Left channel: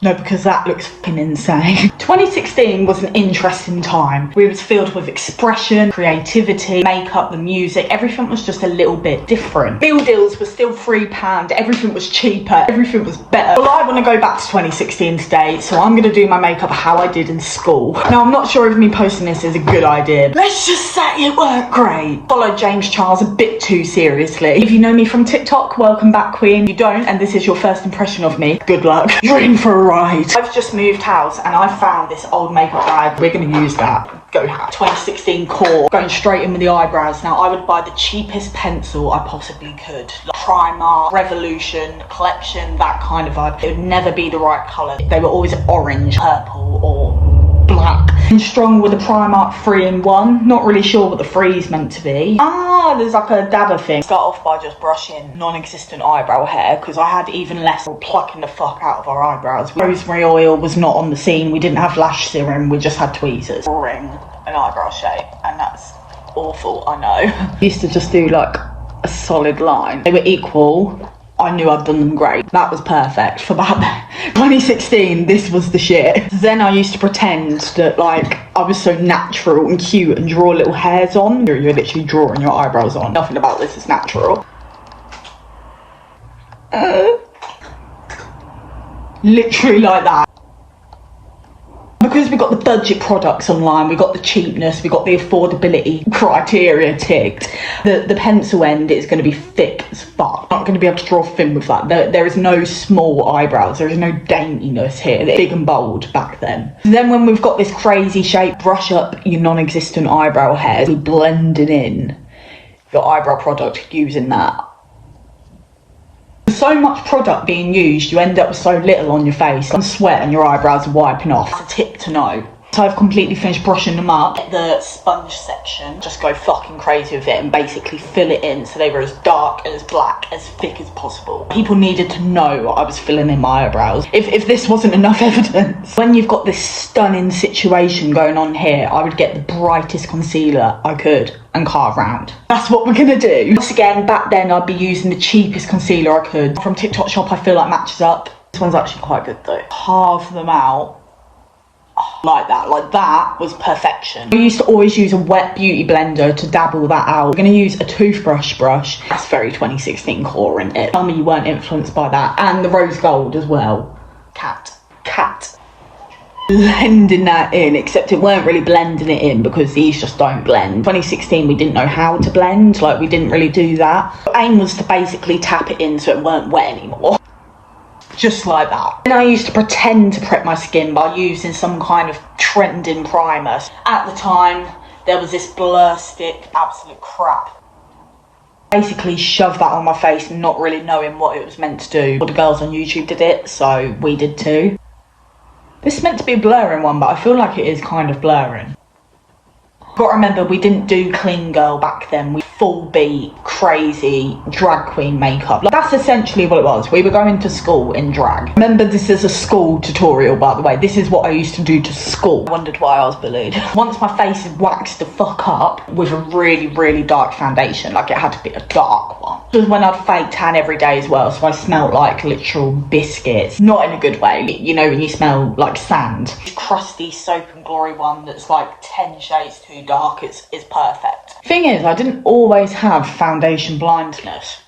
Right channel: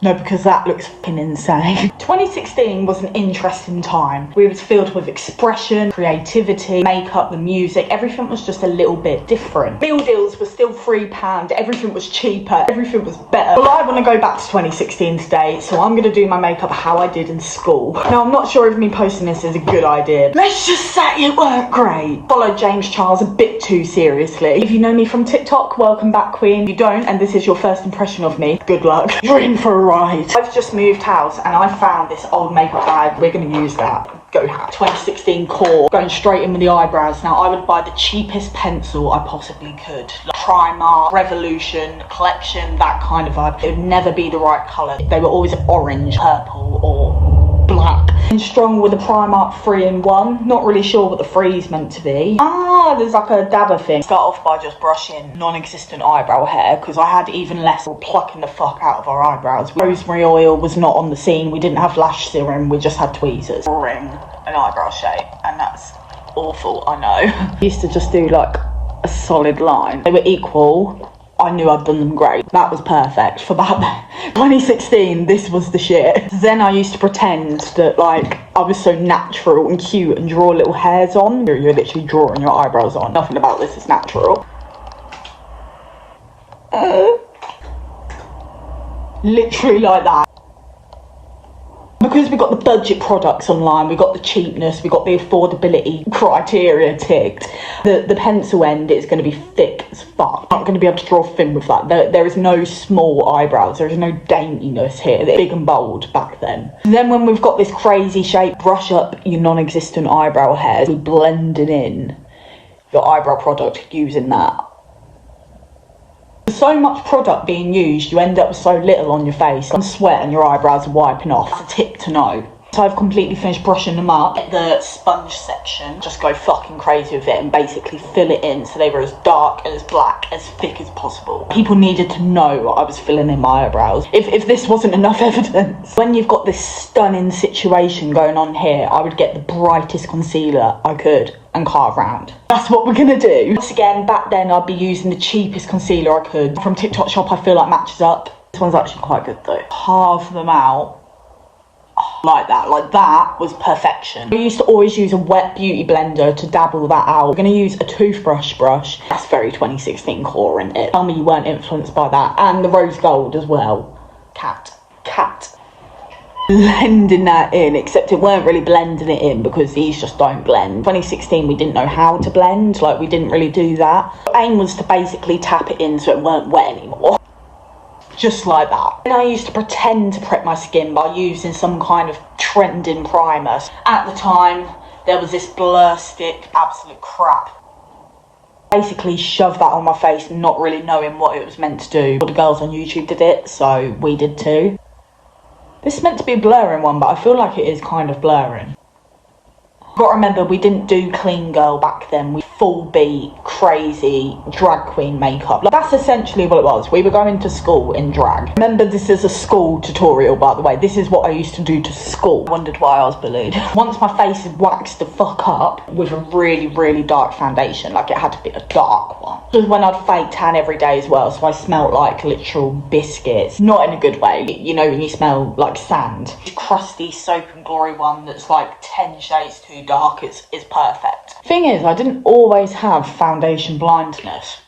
No, because that looks fucking insane. 2016 was an interesting time. We was filled with expression, creativity, makeup, the music. Everything was just a little bit different. Meal deals were still £3. Everything was cheaper. Everything was better. Well, I want to go back to 2016 today, so I'm going to do my makeup how I did in school. Now, I'm not sure if me posting this is a good idea. Let's just say it worked great. Followed James Charles a bit too seriously. If you know me from TikTok, welcome back, Queen. If you don't, and this is your first impression of me, good luck. You're in for a ride. I've just moved house and I found this old makeup bag. We're going to use that. Go have 2016 core, going straight in with the eyebrows. Now I would buy the cheapest pencil I possibly could, like Primark, Revolution, Collection, that kind of vibe. It would never be the right colour. They were always orange, purple or black. And strong with the Primark 3-in-1. Not really sure what the 3 is meant to be. There's like a dabber thing. Start off by just brushing non-existent eyebrow hair because I had even less plucking the fuck out of our eyebrows. Rosemary oil was not on the scene. We didn't have lash serum. We just had tweezers. Ring an eyebrow shade, and that's awful, I know. Used to just do like a solid line. They were equal. I knew I'd done them great. That was perfect for that. 2016, this was the shit. Then I used to pretend that like I was so natural and cute and draw little hairs on. You're literally drawing your eyebrows on. Nothing about this is natural. Literally like that. Because we got the budget products online, we got the cheapness, we got the affordability criteria ticked, the pencil end is going to be thick as fuck. I'm not going to be able to draw thin with that. There is no small eyebrows, there is no daintiness here. They're big and bold back then. Then when we've got this crazy shape, brush up your non-existent eyebrow hairs, blending in your eyebrow product using that. So much product being used, you end up with so little on your face. Some sweat and your eyebrows are wiping off. That's a tip to know. So I've completely finished brushing them up. Get the sponge section, just go fucking crazy with it and basically fill it in so they were as dark and as black, as thick as possible. People needed to know I was filling in my eyebrows. If this wasn't enough evidence. When you've got this stunning situation going on here, I would get the brightest concealer I could and carve round. That's what we're gonna do. Once again, back then I'd be using the cheapest concealer I could. From TikTok shop, I feel like matches up. This one's actually quite good though. Carve them out. Like that was perfection. I used to always use a wet beauty blender to dabble that out. We're going to use a toothbrush brush. That's very 2016 core, isn't it? Tell me you weren't influenced by that. And the rose gold as well. Cat. Blending that in, except it weren't really blending it in because these just don't blend. 2016 we didn't know how to blend, like we didn't really do that. The aim was to basically tap it in so it weren't wet anymore. Just like that. And I used to pretend to prep my skin by using some kind of trending primer. At the time, there was this blur stick, absolute crap. Basically shoved that on my face, not really knowing what it was meant to do. All the girls on YouTube did it, so we did too. This is meant to be a blurring one, but I feel like it is kind of blurring. Got to remember, we didn't do clean girl back then. We full beat, crazy drag queen makeup. Like, that's essentially what it was. We were going to school in drag. Remember, this is a school tutorial, by the way. This is what I used to do to school. I wondered why I was bullied. Once my face is waxed the fuck up with a really, really dark foundation, like it had to be a dark one. This was when I'd fake tan every day as well, so I smelled like literal biscuits. Not in a good way. You know when you smell like sand. This crusty Soap and Glory one that's like 10 shades too dark is perfect. Thing is, I didn't always have foundation blindness.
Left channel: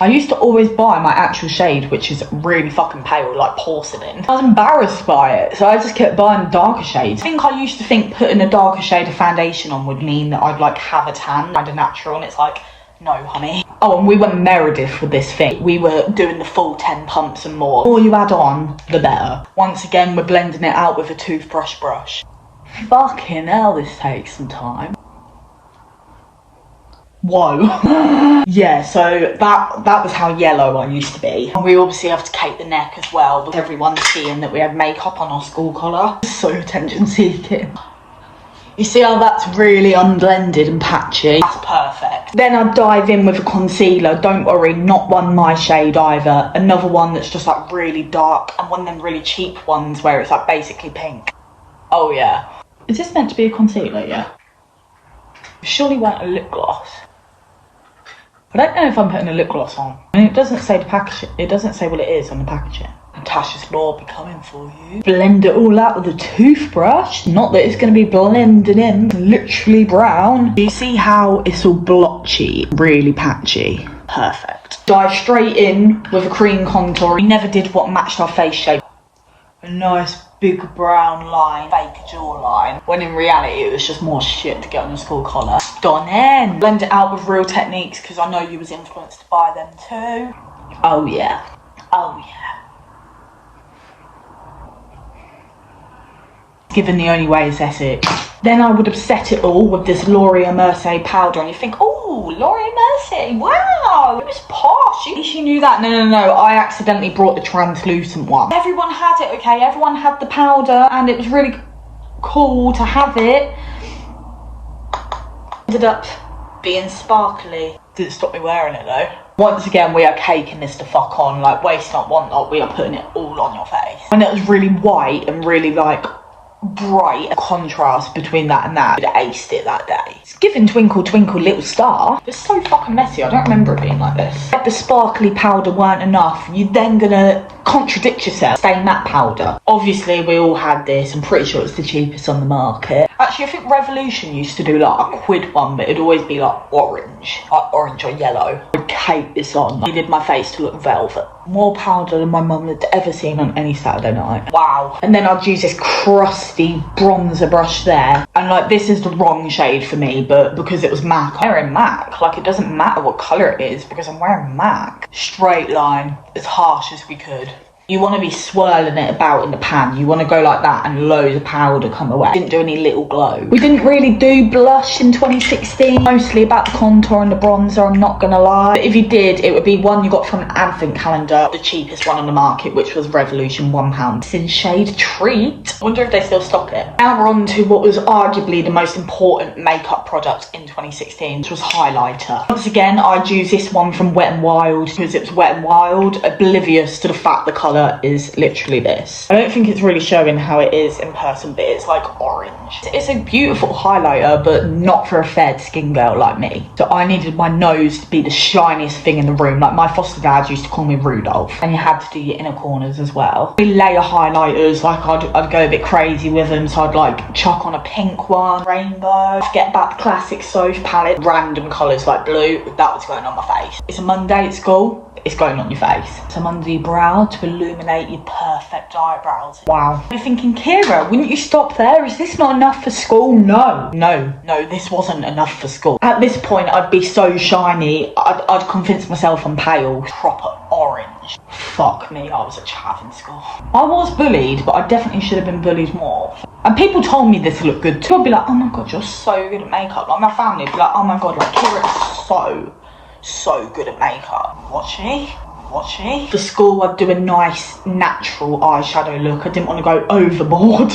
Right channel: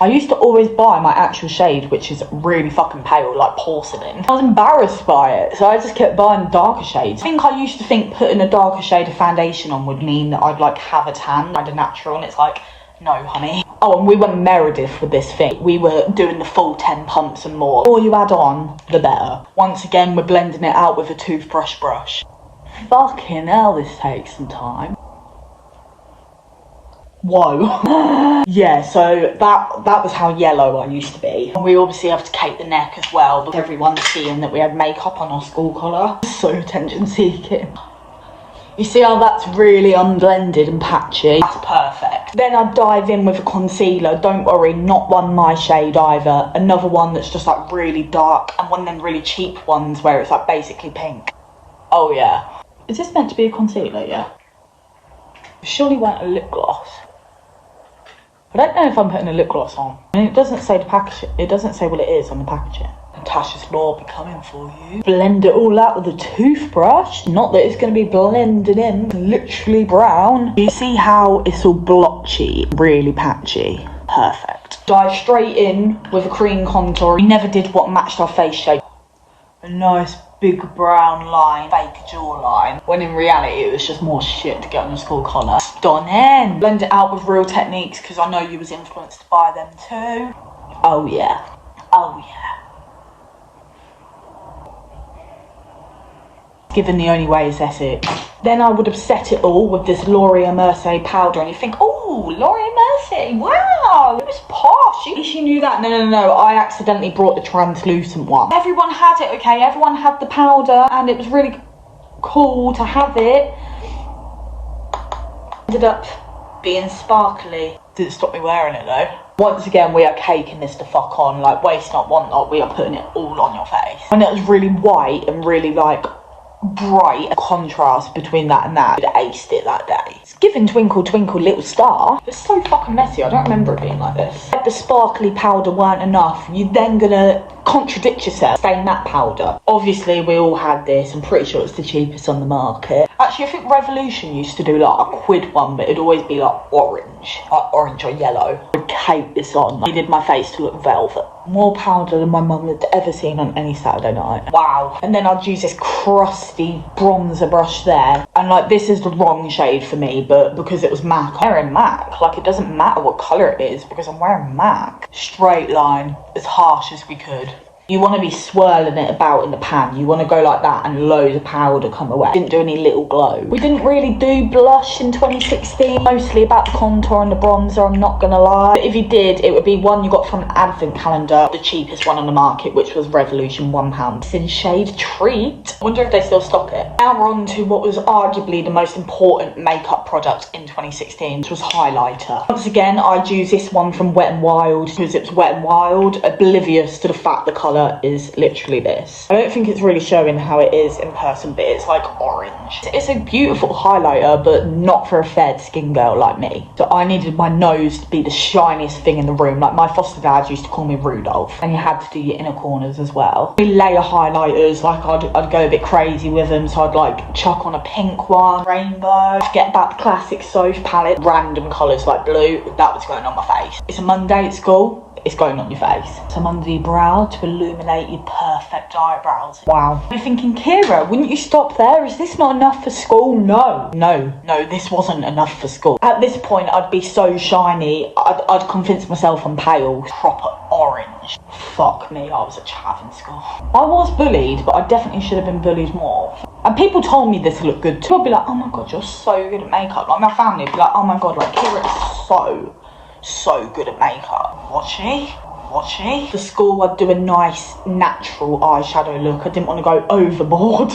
I used to always buy my actual shade, which is really fucking pale, like porcelain. I was embarrassed by it, so I just kept buying darker shades. I think I used to think putting a darker shade of foundation on would mean that I'd like have a tan, kind of natural, and it's like, no honey. Oh, and we were Meredith with this thing. We were doing the full 10 pumps and more. The more you add on, the better. Once again, we're blending it out with a toothbrush brush. Fucking hell, this takes some time. Whoa. Yeah, so that was how yellow I used to be. And we obviously have to cape the neck as well, because everyone's seeing that we had makeup on our school collar. So attention seeking. You see how that's really unblended and patchy? That's perfect. Then I'd dive in with a concealer. Don't worry, not one my shade either. Another one that's just like really dark, and one of them really cheap ones where it's like basically pink. Oh yeah. Is this meant to be a concealer? Yeah. Surely weren't a lip gloss. I don't know if I'm putting a lip gloss on. I mean, it doesn't say the package. It doesn't say what it is on the packaging. Natasha's Law be coming for you. Blend it all out with a toothbrush. Not that it's going to be blended in. Literally brown. You see how it's all blotchy, really patchy. Perfect. Dive straight in with a cream contour. We never did what matched our face shape. A nice big brown line, fake jawline. When in reality it was just more shit to get on your school collar. Stunning. Blend it out with Real Techniques because I know you was influenced by them too. Oh yeah. Oh yeah. Given the only way is Essex. Then I would have set it all with this Laura Mercier powder and you think, oh, Laura Mercier, wow, it was posh. She knew that. No, I accidentally brought the translucent one. Everyone had it, okay? Everyone had the powder and it was really cool to have it. Ended up being sparkly. Didn't stop me wearing it though. Once again, we are caking this the fuck on, like waste not, want not, we are putting it all on your face. And it was really white and really like bright contrast between that and that. I aced it that day. It's giving Twinkle Twinkle Little Star. It's so fucking messy. I don't remember it being like this. If the sparkly powder weren't enough, you're then gonna contradict yourself. Stay matte powder. Obviously, we all had this. I'm pretty sure it's the cheapest on the market. Actually, I think Revolution used to do like a £1 one, but it'd always be like orange or yellow. I'd cake this on. I needed my face to look velvet. More powder than my mum had ever seen on any Saturday night. Wow. And then I'd use this crusty bronzer brush there. And like, this is the wrong shade for me, but because it was MAC, I'm wearing MAC. Like, it doesn't matter what colour it is because I'm wearing MAC. Straight line, as harsh as we could. You want to be swirling it about in the pan. You want to go like that and loads of powder come away. Didn't do any little glow. We didn't really do blush in 2016. Mostly about the contour and the bronzer, I'm not going to lie. But if you did, it would be one you got from an advent calendar. The cheapest one on the market, which was Revolution, £1. It's in shade Treat. I wonder if they still stock it. Now we're on to what was arguably the most important makeup product in 2016, which was highlighter. Once again, I'd use this one from Wet n Wild because it was Wet n Wild, oblivious to the fact the colour is literally this. I don't think it's really showing how it is in person, but it's like orange. It's a beautiful highlighter, but not for a fair skin girl like me. So I needed my nose to be the shiniest thing in the room. Like, my foster dad used to call me Rudolph. And you had to do your inner corners as well. Layer highlighters, like I'd go a bit crazy with them. So I'd like chuck on a pink one, rainbow, get back the classic Soph palette, random colours like blue. That was going on my face. It's a Monday at school. It's going on your face. Some under your brow to illuminate your perfect eyebrows. Wow. You're thinking, Kira, wouldn't you stop there? Is this not enough for school? No, this wasn't enough for school. At this point, I'd be so shiny, I'd convince myself I'm pale. Proper orange. Fuck me, I was a chav in school. I was bullied, but I definitely should have been bullied more. And people told me this looked good too. I'd be like, oh my god, you're so good at makeup. Like, my family would be like, oh my god, like, Kira is so good at makeup. Was she? For school, I'd do a nice natural eyeshadow look. I didn't want to go overboard.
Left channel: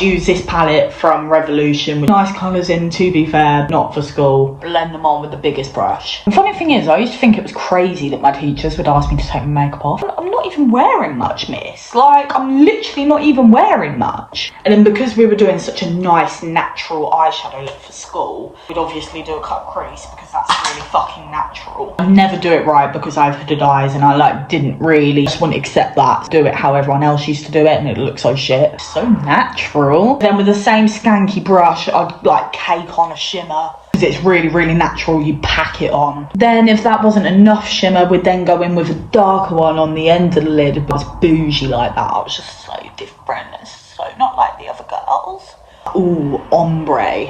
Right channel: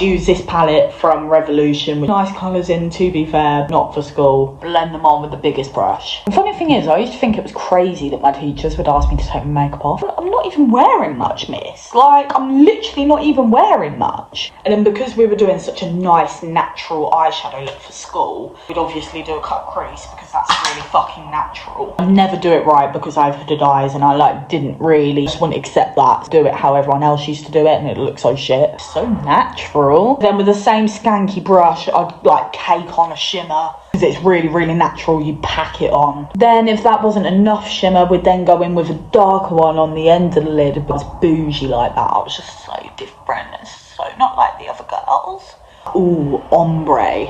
Use this palette from Revolution with nice colours in, to be fair, not for school. Blend them on with the biggest brush. The funny thing is, I used to think it was crazy that my teachers would ask me to take my makeup off. I'm not even wearing much, miss. Like, I'm literally not even wearing much. And then because we were doing such a nice natural eyeshadow look for school, we'd obviously do a cut crease because that's really fucking natural. I never do it right because I have hooded eyes and I like didn't really just want to accept that. Do it how everyone else used to do it and it looked so shit. So natural. Then with the same skanky brush, I'd like cake on a shimmer. Because it's really, really natural, you pack it on. Then if that wasn't enough shimmer, we'd then go in with a darker one on the end of the lid. It was bougie like that. I was just so different. It's so not like the other girls. Ooh, ombre.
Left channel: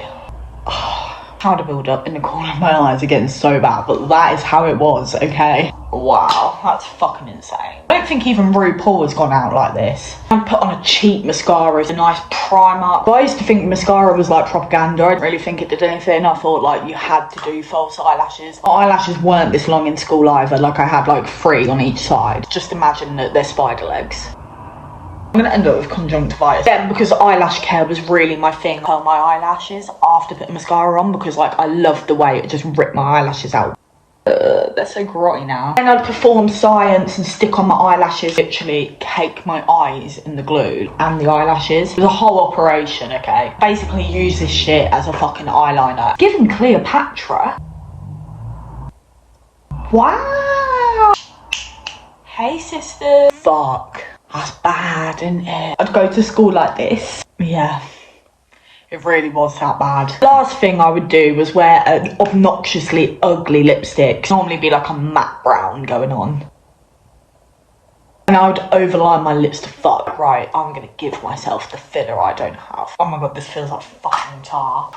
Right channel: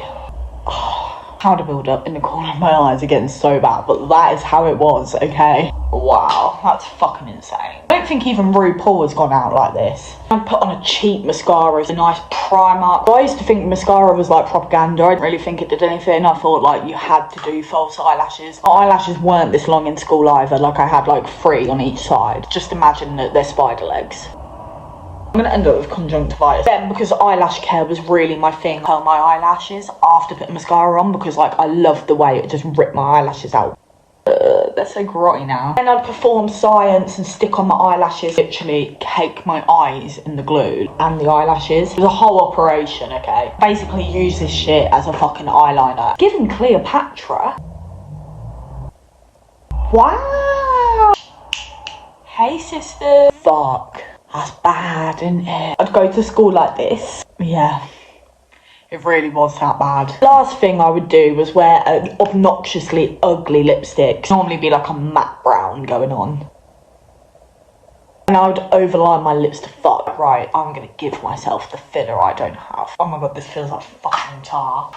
Trying to build up in the corner of my eyes are getting so bad, but that is how it was, okay? Wow, that's fucking insane. I don't think even RuPaul has gone out like this. I put on a cheap mascara, a nice primer. I used to think mascara was like propaganda. I didn't really think it did anything. I thought like you had to do false eyelashes. My eyelashes weren't this long in school either. Like, I had like 3 on each side. Just imagine that they're spider legs. I'm going to end up with conjunctivitis. Then, because eyelash care was really my thing, I curl my eyelashes after putting mascara on because, like, I loved the way it just ripped my eyelashes out. They're so grotty now. And I'd perform science and stick on my eyelashes, literally cake my eyes in the glue and the eyelashes. It was a whole operation, okay? Basically use this shit as a fucking eyeliner. Giving Cleopatra. Wow. Hey, sister. Fuck. That's bad, isn't it? I'd go to school like this. Yeah. It really was that bad. Last thing I would do was wear an obnoxiously ugly lipstick. Normally be like a matte brown going on. And I would overline my lips to fuck. Right, I'm gonna give myself the filler I don't have. Oh my god, this feels like fucking tar.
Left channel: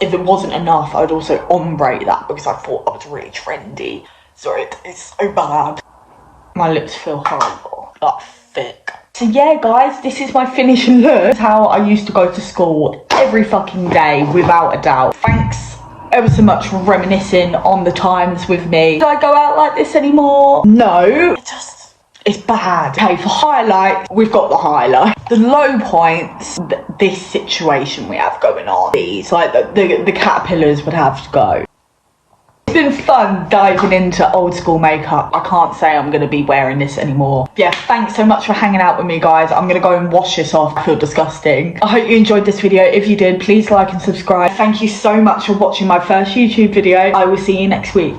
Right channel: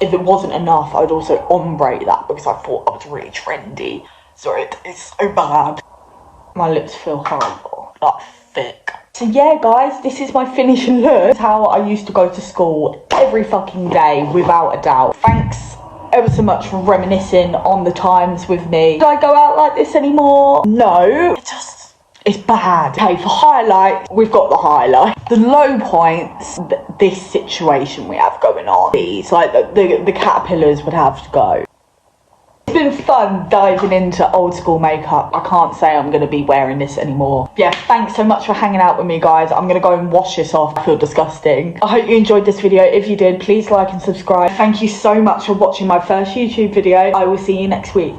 If it wasn't enough, I would also ombre that because I thought I was really trendy. Sorry, it's so bad. My lips feel horrible, like thick. So yeah guys, this is my finished look. This is how I used to go to school every fucking day, without a doubt. Thanks ever so much for reminiscing on the times with me. Do I go out like this anymore? No. It's bad. Okay, for highlight, we've got the highlight. The low points, this situation we have going on. These, like the caterpillars would have to go. It's been fun diving into old school makeup. I can't say I'm going to be wearing this anymore. Yeah, thanks so much for hanging out with me, guys. I'm going to go and wash this off. I feel disgusting. I hope you enjoyed this video. If you did, please like and subscribe. Thank you so much for watching my first YouTube video. I will see you next week.